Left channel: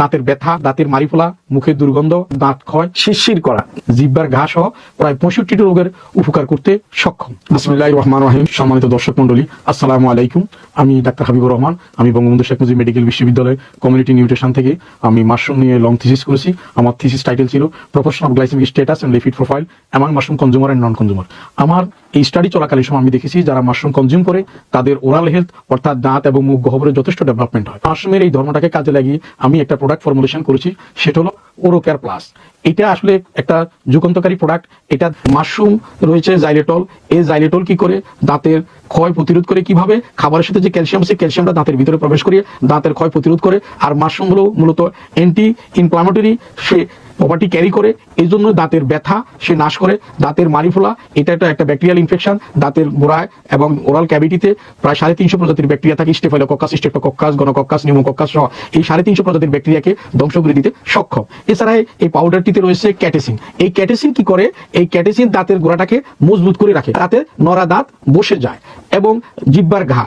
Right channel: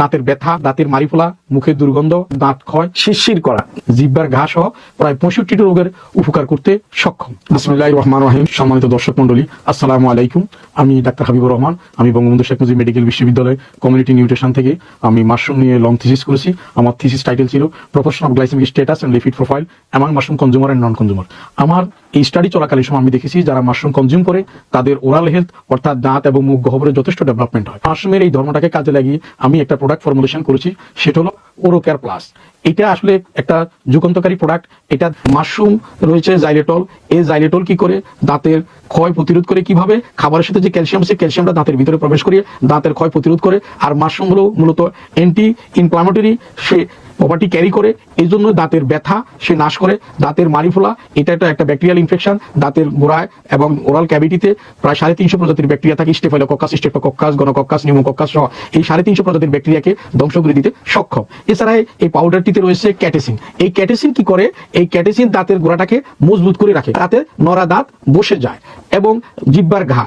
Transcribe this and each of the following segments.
দাঁতের ব্যথা, দাঁতের মারি ফোলা মুখের দুর্গন্ধ, দাঁত ক্ষয়, শিরশির করা, জিব্বার ঘা সহ প্রায় পঁয়ষট্টি রোগের উপকার করতে সক্ষম। বিসমিল্লাহ রহমান রহিম। সম্মানিত দর্শক মন্ডলী আসসালামু আলাইকুম। আমি ডাক্তার হাবিবুর রহমান, আমি বঙ্গবন্ধু শেখ মুজিব মেডিকেল বিশ্ববিদ্যালয় কমিউনিটি নিউট্রিশন থেকে আমি মাশরুম নিয়ে লং থিসিস করেছি। আমার থিসিস টাইটেল ছিল profession of glycemic status and lipid profile এমন mushroom consumer and non consumer আমার এই স্টাডি চলাকালীন সময় আমি দেখেছি, যারা মাশরুম কনজিউম করে, তাদের ওরাল হেলথ অর্থাৎ দাঁত এবং মুখ গহ্বরের যথেষ্ট ডেভেলপমেন্ট হয়। মাশরুমের এই ধর্মটাকে কাজে লাগিয়ে আমি একটা প্রোডাক্ট ফর্মুলেশন করেছি সেটা হলো ওরোকেয়ার প্লাস এটা আসলে একটা যুগান্তকারী প্রোডাক্ট এটা মাশরুম রয়েছে জাইলেটল এই জাইলেটল কি করে? দাঁতের ক্ষয় প্রতিরোধ করে কীভাবে? খাবারের সাথে যে ক্যালসিয়াম আছে ক্যালসিয়ামটা দাঁতের ভিতরে প্রবেশ করিয়ে দাঁতের ক্ষয় প্রতিরোধ করে। আর মাশরুম হলো মূলত অ্যান্টি ইনফ্লামেটরি সে প্রপার্টি ক্যারি করে। এই জন্য দাঁতের ব্যথা সে নাশ করে। দাঁতের মারি ফোলা এটা একটা একটা ব্যাকটেরিয়াল ইনফেকশন দাঁতের গোড়ায় এবং ওরাল ক্যাভিটিতে প্রায় সাড়ে তিনশো প্রজাতির ব্যাকটেরিয়া থাকে। স্টেফাইলোকক্কাস স্টেফোকক্কাস গোনোকক্কাস নিউমোকক্কাস সহ এই সাড়ে তিনশো প্রজাতির ব্যাকটেরিয়াকে ধ্বংস করে দিতে সক্ষম। এছাড়া এই পাউডারটিতে রয়েছে ক্যাটিসিন। এই ক্যাটিসিন কি করে? এই ক্যাটিসিন দাঁতের গোড়াটাকে মজবুত করে রাখে। তাতে নরা দাঁত বসে যায়। এবং জিব্বার ঘাম।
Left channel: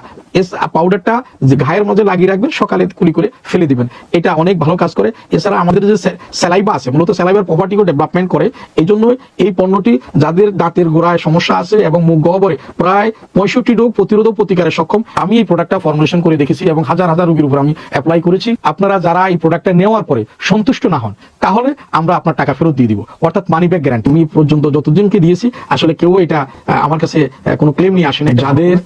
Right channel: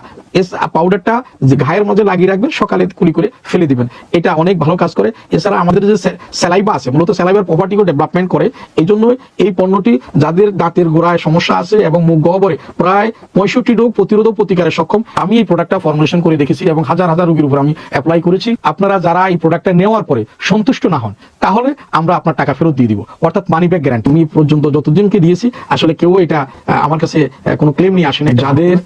পাউডারটা ঘায়ের মধ্যে লাগিয়ে রাখবেন, সকালে কুলি করে ফেলে দিবেন। এটা অনেক ভালো কাজ করে। এছাড়া আমাদের যে স্যালাইবা আছে, মূলত স্যালাইবার প্রপার্টিকে ডেভেলপমেন্ট করে এই জন্য এই পণ্যটি যাদের দাঁতের গোড়ায় সমস্যা আছে এবং মুখ গহ্বরে প্রায় পঁয়ষট্টি রোগ প্রতিরোধ প্রতিকারে সক্ষম, আমি এই প্রোডাক্টটা ফর্মুলেশন করে দেখেছি এবং হাজার হাজার রোগীর উপর আমি অ্যাপ্লাই করেছি। আপনারা যারা এই প্রোডাক্টটা নেওয়ার পরে সন্তুষ্ট না হন, তাহলে আমরা আপনার টাকা ফেরত দিয়ে দিব। অর্থাৎ মানি ব্যাক গ্যারান্টি আমি পর্যন্ত যতজনকে দিয়েছি, আসলে কেউ এটা আমার কাছে কোনো ক্লেম নিয়ে আসেনি। যাদের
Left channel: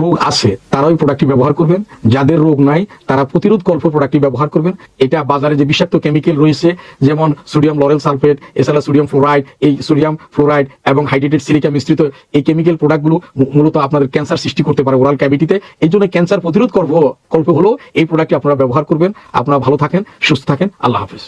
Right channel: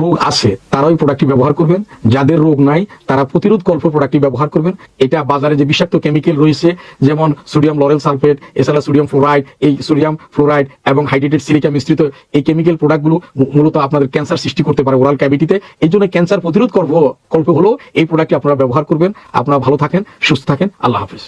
রোগ আছে তারা ওই প্রোডাক্টটি ব্যবহার করবেন। যাদের রোগ নাই, তারা প্রতিরোধ কল্প প্রোডাক্টটি ব্যবহার করবেন। এটা বাজারে যে বিষাক্ত কেমিক্যাল রয়েছে, যেমন সোডিয়াম লরেল সালফেট এছাড়া সোডিয়াম ফ্লোরাইড এই সোডিয়াম ফ্লোরাইড এবং হাইড্রেটেড সিলিকা মিশ্রিত এই কেমিক্যাল প্রোডাক্টগুলো মূলত আপনাদের ক্যান্সার সৃষ্টি করতে পারে ওরাল ক্যাভিটিতে এই জন্য ক্যান্সার প্রতিরোধ করব কল্প হলো এই প্রোডাক্টটি আপনারা ব্যবহার করবেন। আপনারা ভালো থাকেন, সুস্থ থাকেন। আল্লাহ হাফিজ।